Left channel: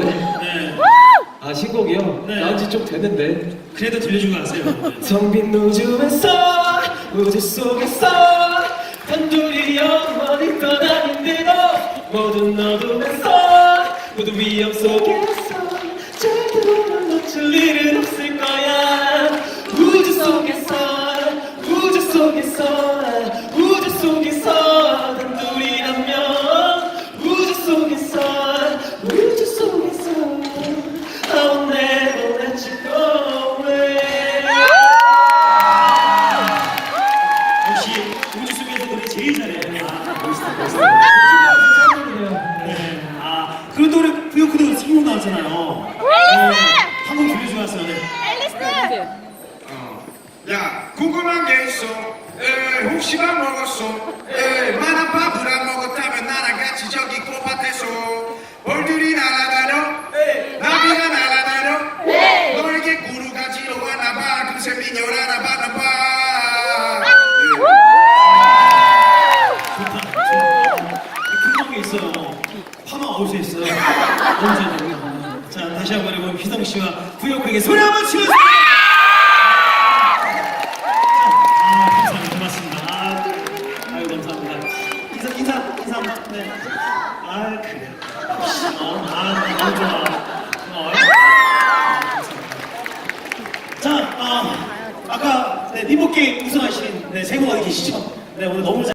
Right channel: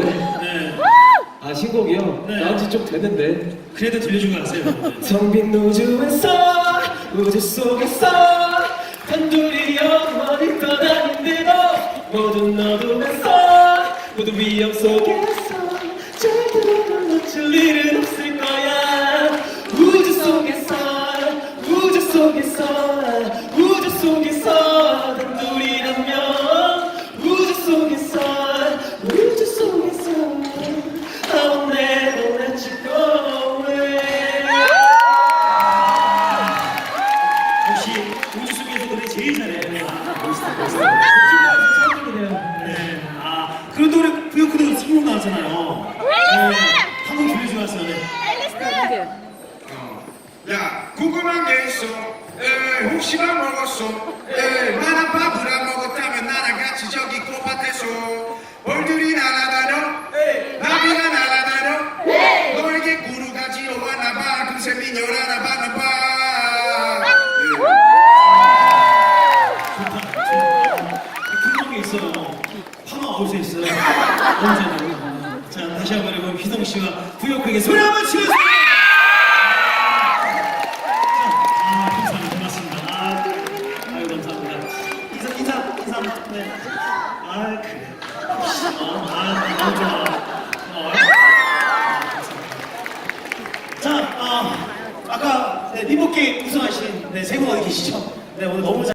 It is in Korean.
같은데. 네. 아 신곡이요? 네. 나온 지좀 됐는데. 그래도 들려주고 가세요. 네. 텅빈 우주에서 우주 속에서 단둘이 영원히 떠나는데도 모든 어둠에서 모든 위험 속에서 아, 멋있다. 네. 아, 그 노래 성공 나왔잖아요. 네. 한번 들려주고 가세요. 네. 야 궁금한 게 있어 에, 혹시 밥 먹었어 에, 파마 어디서 있어요? 언제나. 자, 다시 한번 여러분, 희성 씨와 부요크에게 소리 한번 치면서! 아. 아. 네. 아. 어. 어. 자, 어, 네, 우승하신 네, 세분 어디 계시죠? 네, 오늘 너무 잘